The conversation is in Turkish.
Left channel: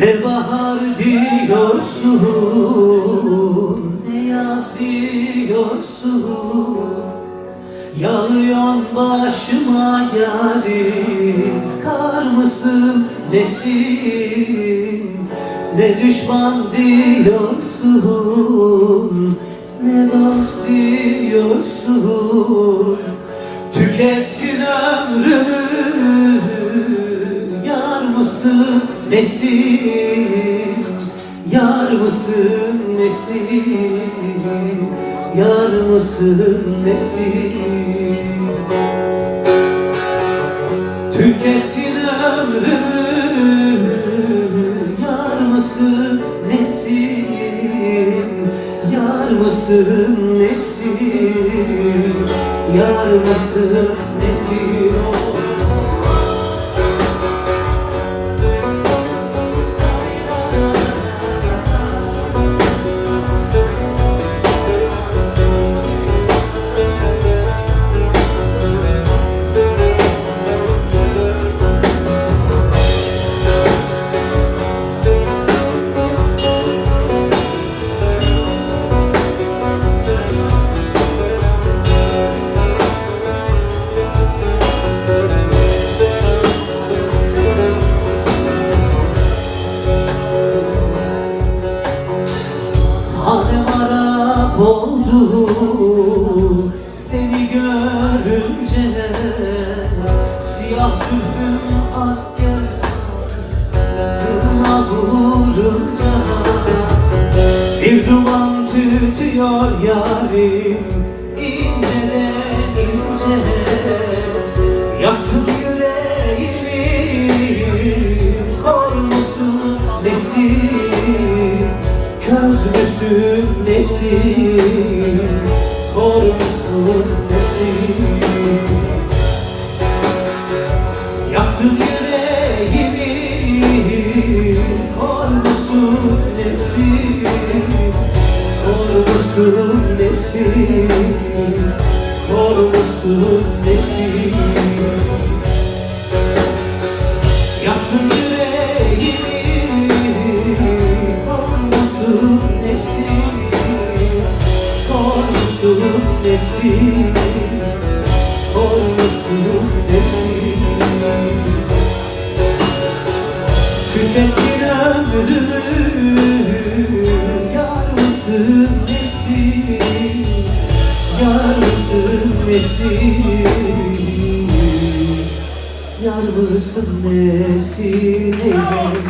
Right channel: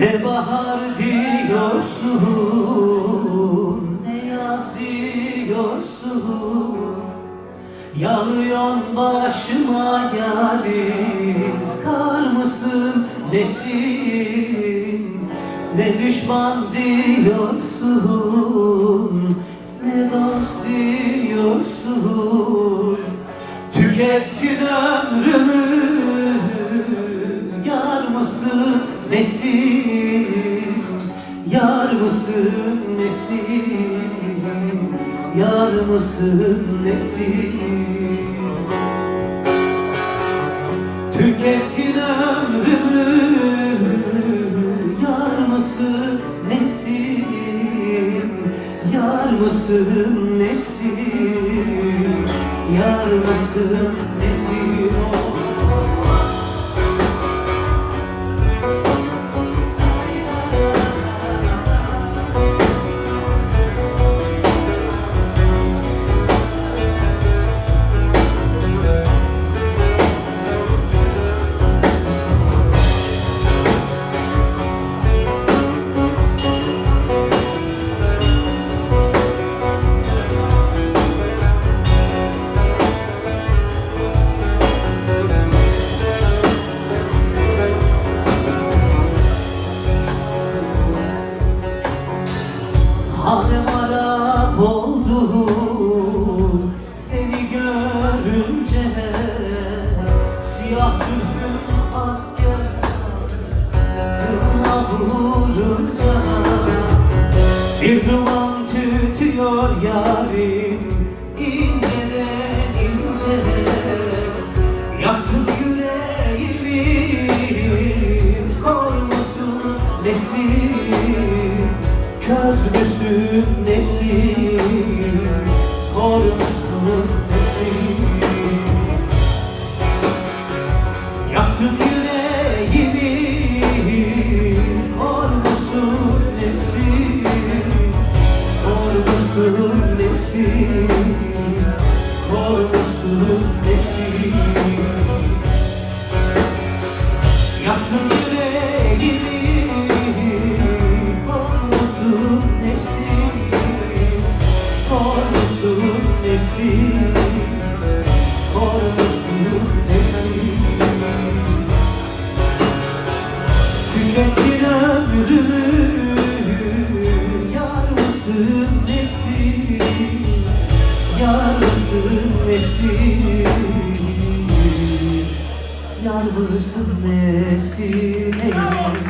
Ne bahar diyorsun, ne yaz diyorsun. Yağıyorsun başıma yarim, kar mısın nesin? Ne düşman diyorsun, ne dost diyorsun. Tükettin ömrümü, yar mısın nesin? Yar mısın nesin? Yar mısın nesin? Tükettin ömrümü, yar mısın nesin? Yar mısın nesin? Yar mısın nesin? Halim harap oldu seni görünce. Siyah zülfün ak yanağına vurunca. Bir duman tütüyor yarim inceden ince. Yaktın yüreğimi, kor musun nesin? Köz müsün nesin? Kor musun nesin? Yaktın yüreğimi, kor musun nesin? Kor musun nesin? Kor musun nesin? Yaktın yüreğimi, kor musun nesin? Kor musun nesin? Kor musun nesin? Tükettin ömrümü, yar mısın nesin? Yar mısın nesin? Yar mısın nesin? Eyvah.